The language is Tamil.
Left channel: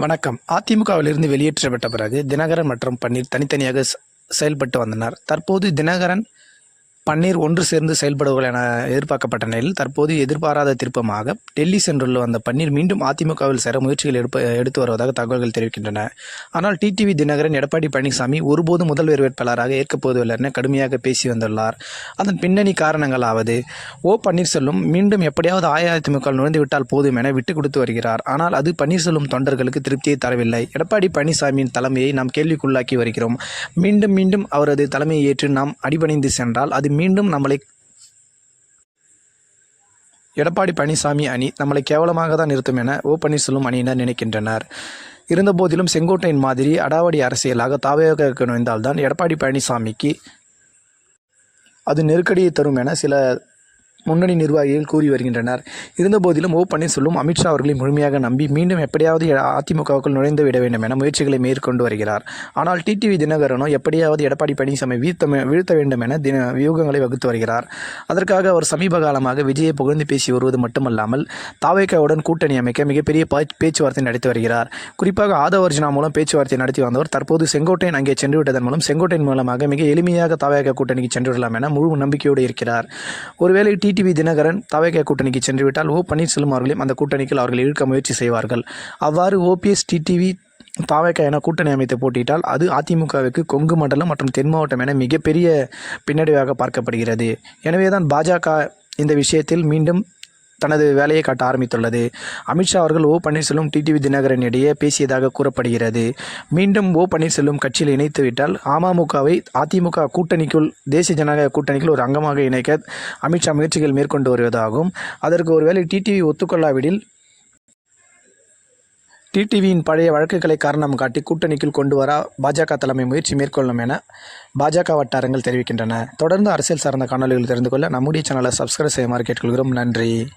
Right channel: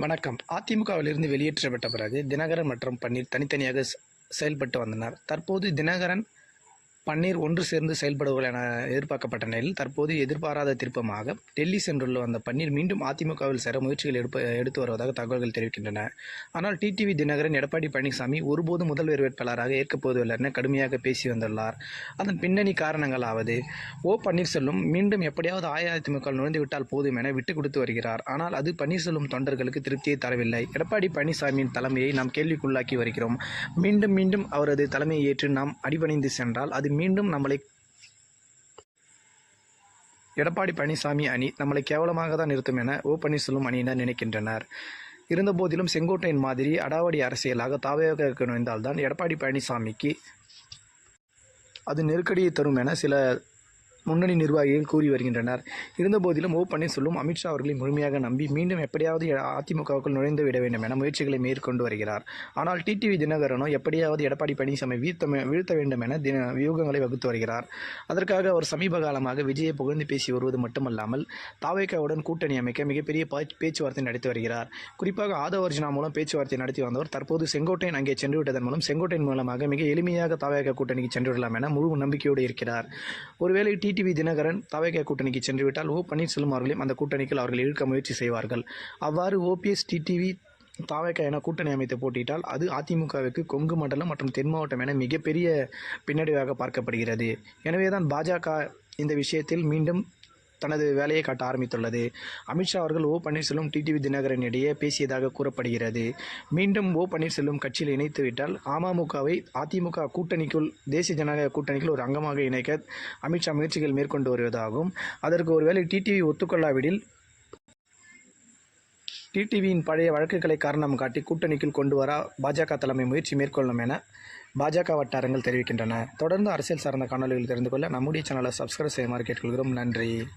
வணக்கம். அதிமுகவிலிருந்து வெளியேற்றப்பட்ட பிறகு தினகரன் மற்றும் பன்னீர் தனித்தனியாக செயல்பட்டு வந்தனர். தற்போது தினகரன் பன்னீர் ஒன்று சேர்ந்து செயல்படுவார்கள் என எதிர்பார்க்கப்பட்ட நிலையில் தற்போது எதிர்பாராத திருப்பமாக டெல்லி சென்றுள்ள வந்த பன்னீர் மீண்டும் அதிமுகவில் சேர முயற்சிகள் எடுப்ப எடுத்து வருவதாக தகவல்கள் தெரிவிக்கின்றன. ஆனால் டிடிவி தினகரன் எடப்பாடி பழனிசாமி ஒருபோதும் முதல்வர் வேட்பாளராக ஏற்கப் போவதில்லை என கடுமையாக பேசி வந்துள்ளார். அதன் பின்னணி காரணங்களாவது ஓ பன்னீர்செல்வம் மீண்டும் எப்படியாவது அஇஅதிமுக நுழைந்து விட்டால் போதும் என விட்டுக் கொடுத்து வருகிறார். ஆனால் அது பன்னீர்செல்வம் தொண்டர்களுக்கு திருப்தியை தரவில்லை. எடப்பாடி பழனிசாமியின் தலைமையை நாம் கேள்விக்குள்ளாக்கி வருகிறோம். மீண்டும் மீண்டும் அவரது தலைமையை ஏற்று நாம் அடிபணிந்து சென்றால் அது மீண்டும் நம்மளை எடப்பாடி பழனிசாமி அணி நம்மளை கேவலமாக தான் நிறுத்தும் என ஓ பன்னீர்செல்வம் அணியினர் நினைக்கின்றனர். இருந்தபோதிலும் செங்கோட்டையின் மாதிரி அடாவடி அரசியலாக தாவையாக நுழைந்தால்தான் எடப்பாடி பழனிசாமிக்கு அது நெருக்கடியை தரும் என சில முன்னணி நிர்வாகிகள் கூறி வருகின்றனர். இருந்தபோதிலும் ஓ பன்னீர்செல்வம் அமித்ஷா அவர்களை முழுமையாக நம்பி மீண்டும் எப்படியாவது அதிமுகவுக்குள் நுழைந்து விட வேண்டும் என முயற்சிகளை மேற்கொண்டு வருகிறார். ஆனால் டிடிவி தினகரனோ எப்படியாவது எடப்பாடி பழனிசாமி வீழ்த்த வீழ்த்த வேண்டும் என தின வியூகங்களை வகுத்து வருகிறார். அதற்காக அவர் சமீப காலமாக விஜயை புகழ்ந்து பேசி வருவது மட்டுமல்லாமல் தாவேக்காவுடன் கூட்டணி அமைக்க மிகப்பெரிய பேச்சுவார்த்தை நடத்தி வருகிறார். குறிப்பாக ஆதவர்ஜனா மூலம் பேச்சுவார்த்தை நடத்தி வந்தவர் தற்போது செங்கோட்டையன் அங்கே சென்று விட்டதன் மூலம் செங்கோட்டையன் மூலமாக மிக எளிமையாக தாவேக்கா கூட்டணிக்கு சென்று விடலாம் என முழு நம்பிக்கையோடு இருக்கிறார். ஒருவேளை டிடிவி தினகரன் தாவேக்கா கூட்டணிக்கு சென்றுவிட்டால் ஓ பன்னீர்செல்வம் அவர்களையும் அந்த கூட்டணிக்கு அவர்கள் இழுக்க முயற்சி செய்வார்கள். அவ்வாறு ஓபிஎஸ் டிடிவி தாவேக்கா என கூட்டணி அமைத்து போட்டியிட்டால் அது அதிமுகவுக்கு கொங்கு மண்டலம் மற்றும் தென் மாவட்டம் என மிகப்பெரிய பின்னடைவாக பார்க்கப்படுகிறது. எனவே தான் பாஜக இந்த விஷயத்தில் மீண்டும் தனது வேலையை காட்ட ஆரம்பித்துள்ளது. அமித்ஷா அவர்கள் ஓ பன்னீர்செல்வம் டிடிவி தினகரன் இடையே பேசியதாக கூறப்படுகிறது. மீண்டும் ஓ பன்னீர்செல்வம் கட்சியில் இணைத்துவிட்டால் அமமுகவை அதிமுக கூட்டணிக்குள் தேசிய ஜனநாயக கூட்டணிக்குள் ஒரு அங்கமாக இணைக்க அமித்ஷா முயற்சிகள் மேற்கொண்டு வருவதாகும். அதற்கு ஒருவேளை டிடிவி ஒத்துக்கொள்ளாவிடில் டிடிவியின் பழைய வழக்குகளை காரணம் காட்டி கூட்டணிக்குள் கொண்டு வர பாஜக தலைமை முயற்சி மேற்கொள்ளும் என பாஜக வட்டாரங்கள் தெரிவிக்கின்றன. தொடர்ந்து அரசியல் சார்ந்த காணொலிகள் தெரிந்து கொள்ள நம்முடைய சேனலை சப்ஸ்கிரைப் செய்யுமாறு கேட்டுக்கொள்கிறோம். நன்றி.